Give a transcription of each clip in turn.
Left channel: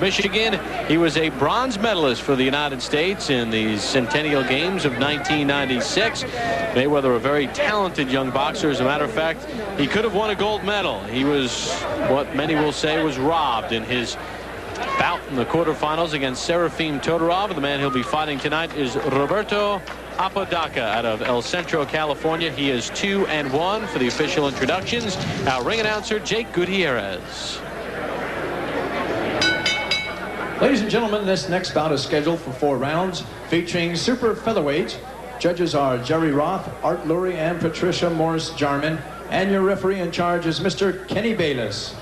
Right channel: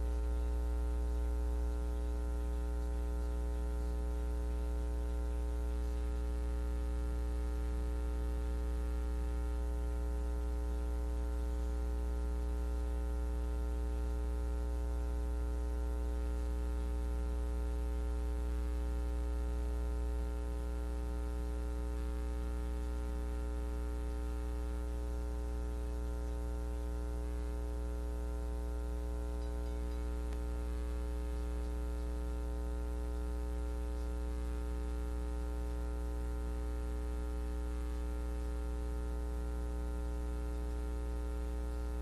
Michigan. He was a bronze medalist for the United States in the Centennial Games of 1996. Mayweather, a very talented young boxer. As a matter of fact, he could have won a gold medal. He was what many will say was robbed in his bout in the quarterfinals against Serafim Todorov. The man he'll be fighting tonight is Roberto Apodaca out of El Centro, California. He is 2-1 for the official introductions. Our ring announcer, Jake Gutierrez. Ladies and gentlemen, this next bout is scheduled for 4 rounds, featuring super featherweight. Judges are Jerry Roth, Art Lurie, and Patricia Morris-Jarman. And your referee in charge is Mr. Kenny Bayless.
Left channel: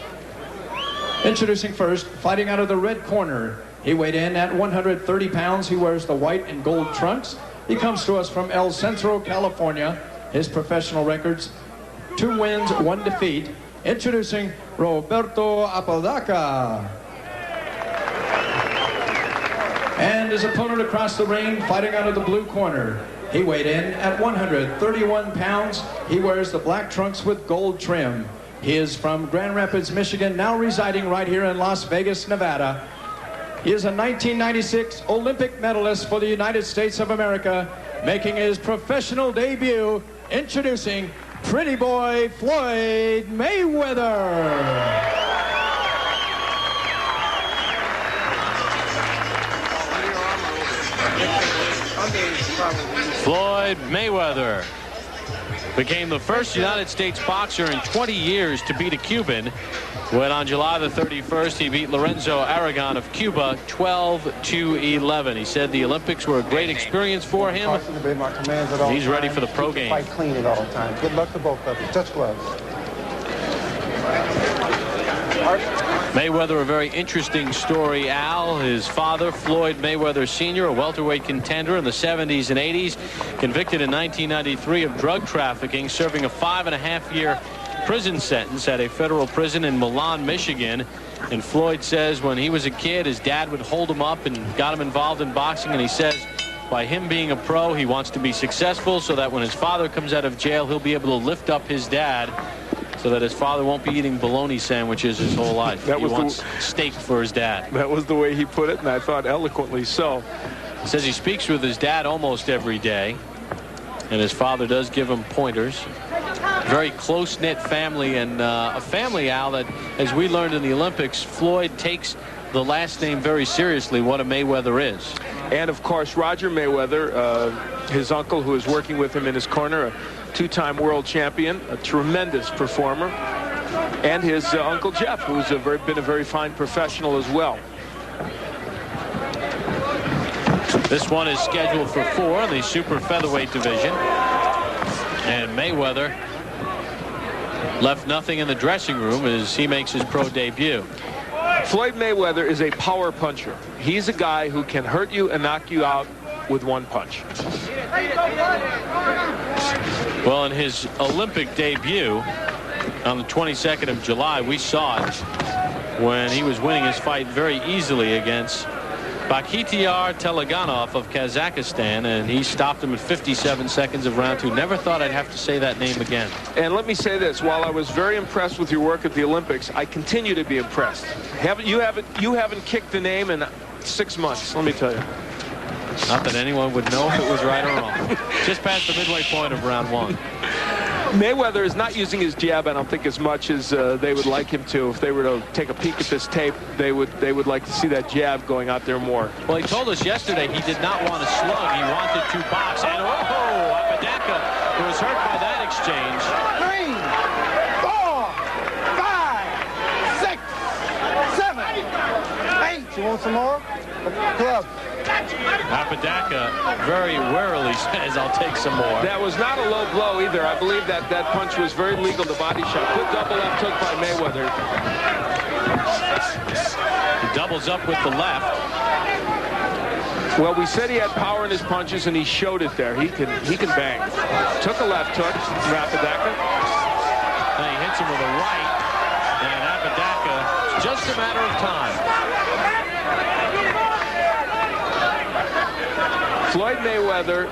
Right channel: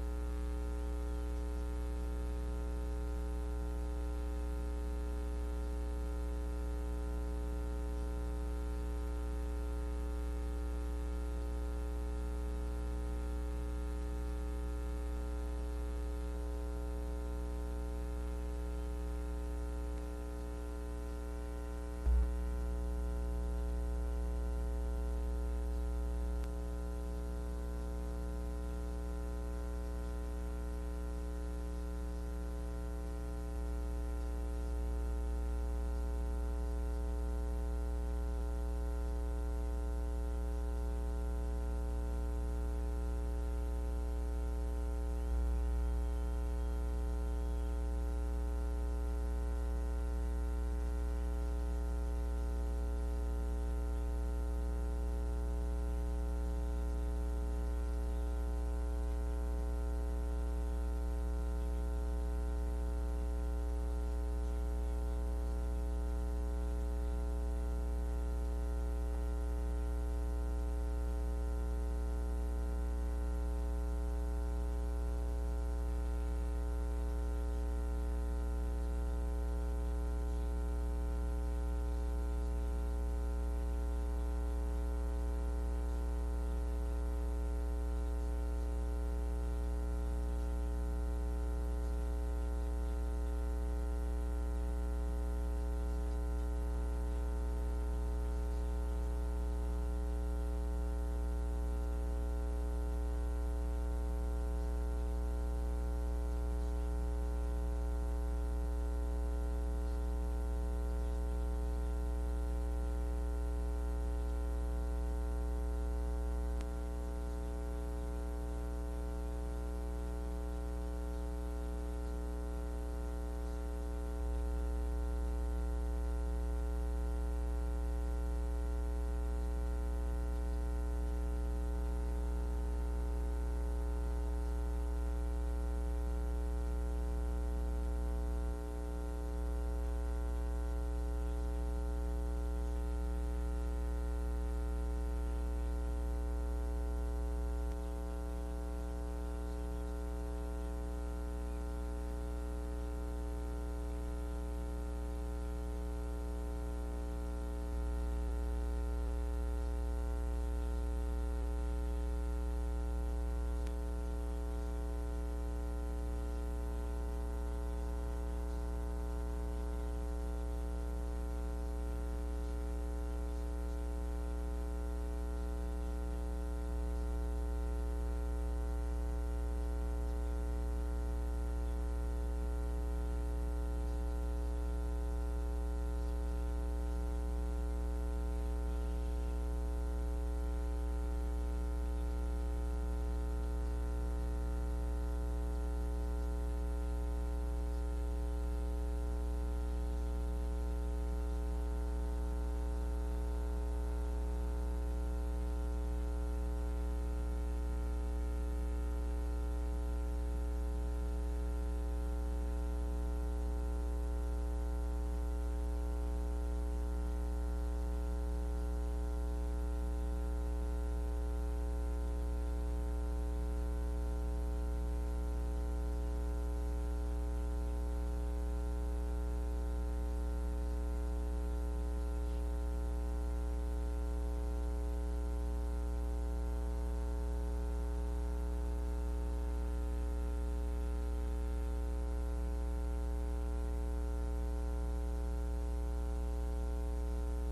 Introducing first, fighting out of the red corner. He weighed in at 130 pounds. He wears the white and gold trunks. He comes to us from El Centro, California. His professional records, 2 wins, 1 defeat. Introducing Roberto Apodaca. And his opponent across the ring, fighting out of the blue corner. He weighed in at 131 pounds. He wears the black trunks with gold trim. He is from Grand Rapids, Michigan, now residing right here in Las Vegas, Nevada. He is a 1996 Olympic medalist for the United States of America, making his professional debut, introducing Pretty Boy Floyd Mayweather. Floyd Mayweather became the first United States boxer in 20 years to beat a Cuban when on July the 31st he beat Lorenzo Aragon of Cuba 12-11. He said the Olympics were a great experience for him. He's ready for the pro game. Fight clean at all times. Good luck to both of you. Touch gloves. Mayweather, a very interesting story, Al. His father, Floyd Mayweather Sr., a welterweight contender in the 70s and 80s, convicted in 1993 of drug trafficking, serving a 5.5-year prison sentence at a federal prison in Milan, Michigan. And Floyd says when he was a kid, his dad would hold him up and got him involved in boxing. And he says by him being a pro, he wants to be successful so that when his father comes out of jail, he'll be able to lift up his dad so that his father won't be eating bologna sandwiches his whole life. He wants steak for his dad. That was the way he put it, and I thought eloquently so. He says he speaks with his dad almost every day, and his father does give him pointers. Very close-knit family, and a family, Al, that, as we learned in the Olympics, Floyd takes the last name very seriously, what a Mayweather is. And, of course, Roger Mayweather, his uncle, who is working with him in his corner, a 2-time world champion, a tremendous performer, and his Uncle Jeff, who's been a very fine professional as well. This one is scheduled for 4 in the super featherweight division. And Mayweather left nothing in the dressing room as he makes his pro debut. Floyd Mayweather is a power puncher. He's a guy who can hurt you and knock you out with 1 punch. Well, in his Olympic debut on the 22nd of July, we saw it when he was winning his fight very easily against Bakhtiar Teleganov of Kazakhstan, and he stopped him at 57 seconds of round 2. Never thought I'd have to say that name again. And let me say this, while I was very impressed with your work at the Olympics, I continue to be impressed. You haven't kicked the name in 6 months, let me tell you. Not that anyone would know if it was right or wrong. Just past the midway point of round 1. Mayweather is not using his jab, I don't think, as much as they would like him to. If they were to take a peek at this tape, they would like to see that jab going out there more. Well, he told us yesterday he did not want to slug. He wanted to box. And Apodaca was hurt by that exchange. 3, 4, 5, 6, 7, 8. You want some more? Club. Apodaca very warily says, I'll take some more. That was not a low blow either. I believe that punch was very legal, the body shot. Good double left hook by Mayweather. He doubles up with the left. Well, we said he had power in his punches, and he showed it there. He can bang. Took a left hook from Apodaca. And he hits him with a right. And Apodaca, it's just a matter of time. Floyd Mayweather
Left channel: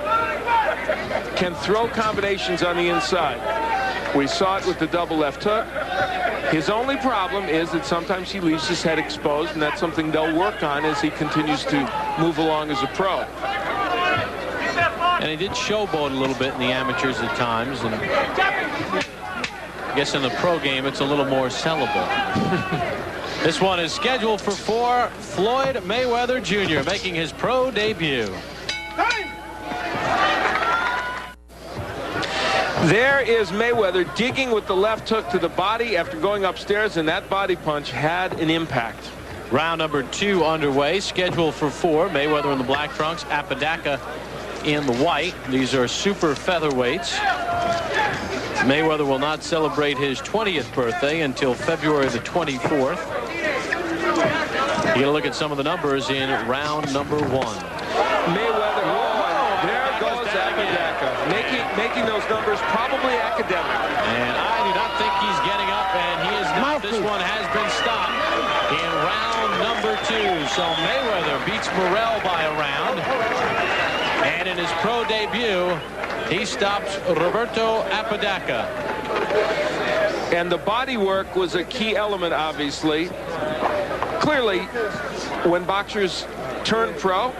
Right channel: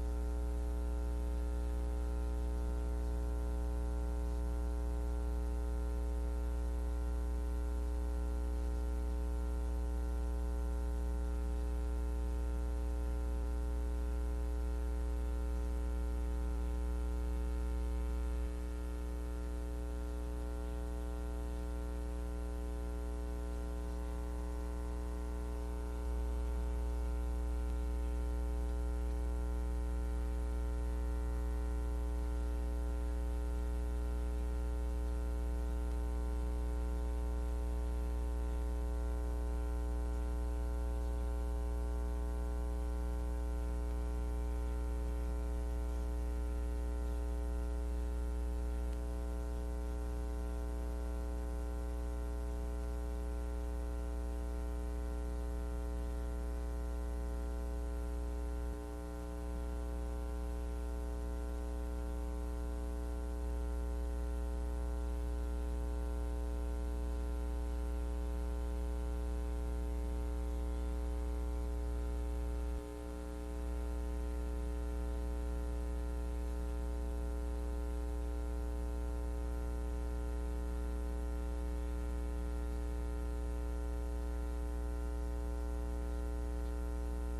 can throw combinations on the inside. We saw it with the double left hook. His only problem is that sometimes he leaves his head exposed, and that's something they'll work on as he continues to move along as a pro. And he did showboat a little bit in the amateurs at times, and I guess in the pro game it's a little more sellable. This one is scheduled for 4. Floyd Mayweather Jr. making his pro debut. There is Mayweather digging with the left hook to the body after going upstairs, and that body punch had an impact. Round number 2 underway, scheduled for 4. Mayweather in the black trunks, Apodaca in the white. These are super featherweights. Mayweather will not celebrate his 20th birthday until February the 24th. You get a look at some of the numbers in round number 1. Mayweather, there goes Apodaca, making those numbers probably academic. And I do not think he's getting up, and he is not. This one has been stopped in round number 2. So Mayweather beats Morrell by a round. And in his pro debut, he stops Roberto Apodaca. And the body work was a key element, obviously. Clearly, when boxers turn pro,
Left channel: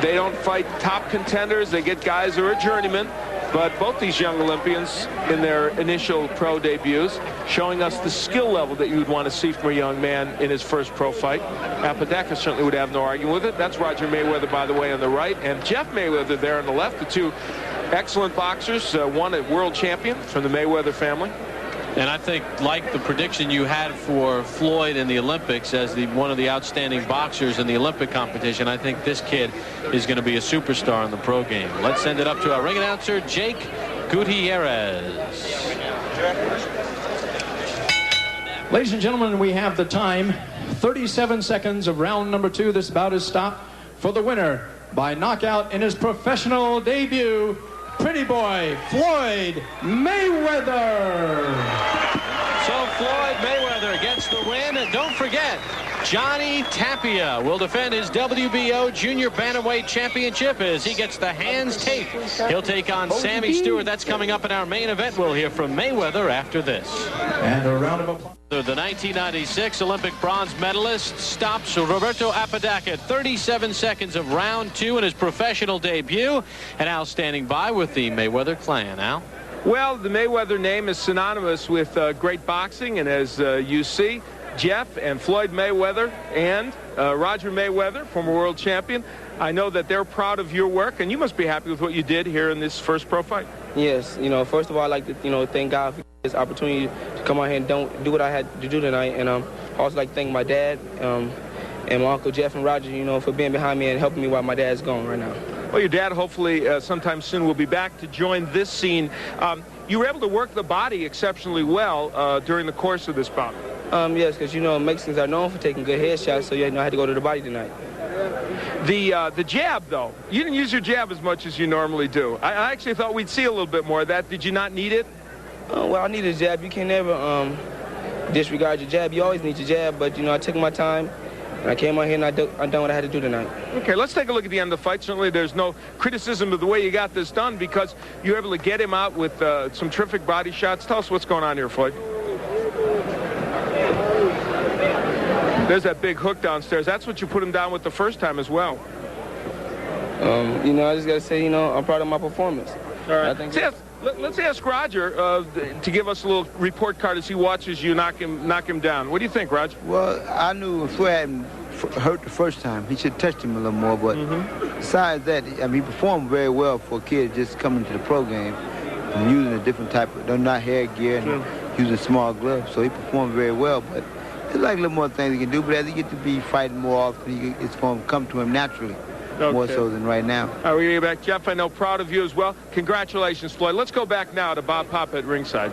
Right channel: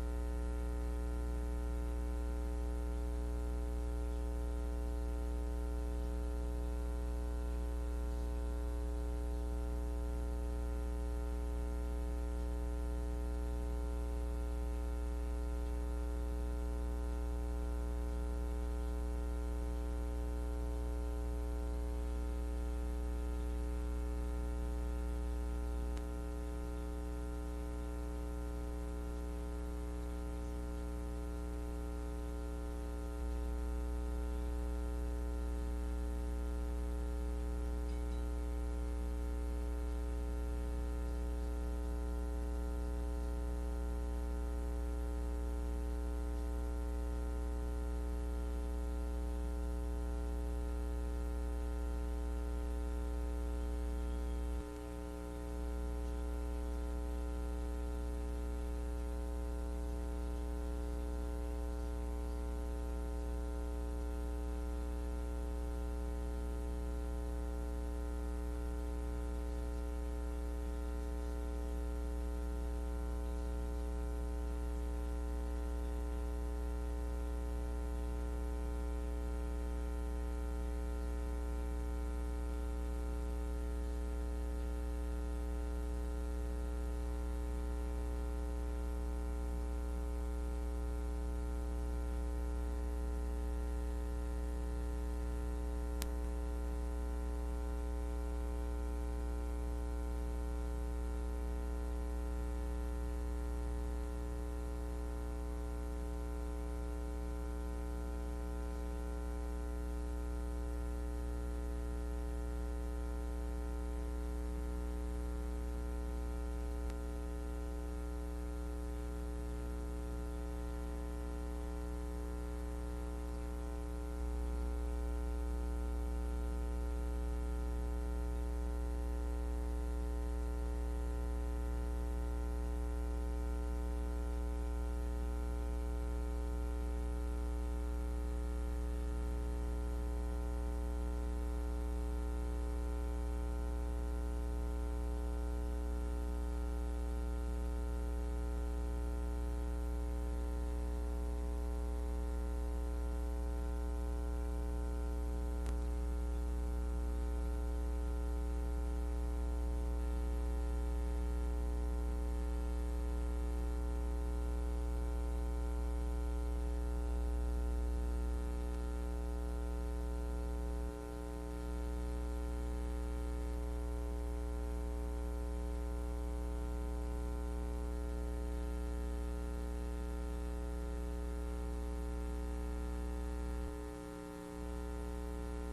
they don't fight top contenders. They get guys who are journeymen. But both these young Olympians in their initial pro debuts showing us the skill level that you would want to see from a young man in his first pro fight. Apodaca certainly would have no argument with it. That's Roger Mayweather, by the way, on the right, and Jeff Mayweather there on the left. The two excellent boxers, one a world champion from the Mayweather family. And I think, like the prediction you had for Floyd in the Olympics as one of the outstanding boxers in the Olympic competition, I think this kid is going to be a superstar in the pro game. Let's send it up to our ring announcer, Jake Gutierrez. Ladies and gentlemen, we have the time. 37 seconds of round number 2. This bout is stopped for the winner by knockout in his professional debut, Pretty Boy Floyd Mayweather. So Floyd Mayweather gets the win. And don't forget, Johnny Tapia will defend his WBO Junior Bantamweight Championship as he gets the hands taped. He'll take on Sammy Stewart. That's coming up in our main event. We'll hear from Mayweather after this. And a round of applause. The 1996 Olympic bronze medalist stops Roberto Apodaca at 37 seconds of round 2 in his professional debut. And Al standing by with the Mayweather clan. Al? Well, the Mayweather name is synonymous with great boxing, and as you see, Jeff and Floyd Mayweather and Roger Mayweather, former world champion, I know that they're proud of your work, and you must be happy with what you did here in this first pro fight. Yes, first of all, I'd like to, thank God for this opportunity to come out here and do what I had to do tonight. And I also like to thank my dad and my Uncle Jeff and Roger, for being behind me and helping me while my dad's gone right now. Well, your dad hopefully sometime soon will be back to join this scene. You were able to work the body exceptionally well during the course of this bout. Yes, because, Mexicans are known for taking good headshots, so, I had to go to the body tonight. The jab, though, you didn't use your jab as much as you normally do. I actually thought we'd see a little bit more of that. Did you not need it? Well, I needed a jab. You can never disregard your jab. You always need your jab, but, I took my time. And I came out here and I done what I had to do tonight. Okay, let's take a look at the end of the fight. Certainly there's no criticism of the way you got this done because you were able to get him out with some terrific body shots. Tell us what's going on here, Floyd. There's that big hook downstairs. That's what you put him down with the first time as well. I just got to say, I'm proud of my performance. All right. Let's ask Roger to give us a little report card as he watches you knock him down. What do you think, Roger? Well, I knew Floyd hadn't hurt the first time. He should have touched him a little more. But besides that, he performed very well for a kid just coming to the pro game and using a different type of, not hair gear and using small gloves. So he performed very well. But there's like a little more things he can do. But as he gets to be fighting more often, it's going to come to him naturally. Okay. More so than right now. All right, we're going to get back. Jeff, I know, proud of you as well. Congratulations, Floyd. Let's go back now to Bob Pop at ringside.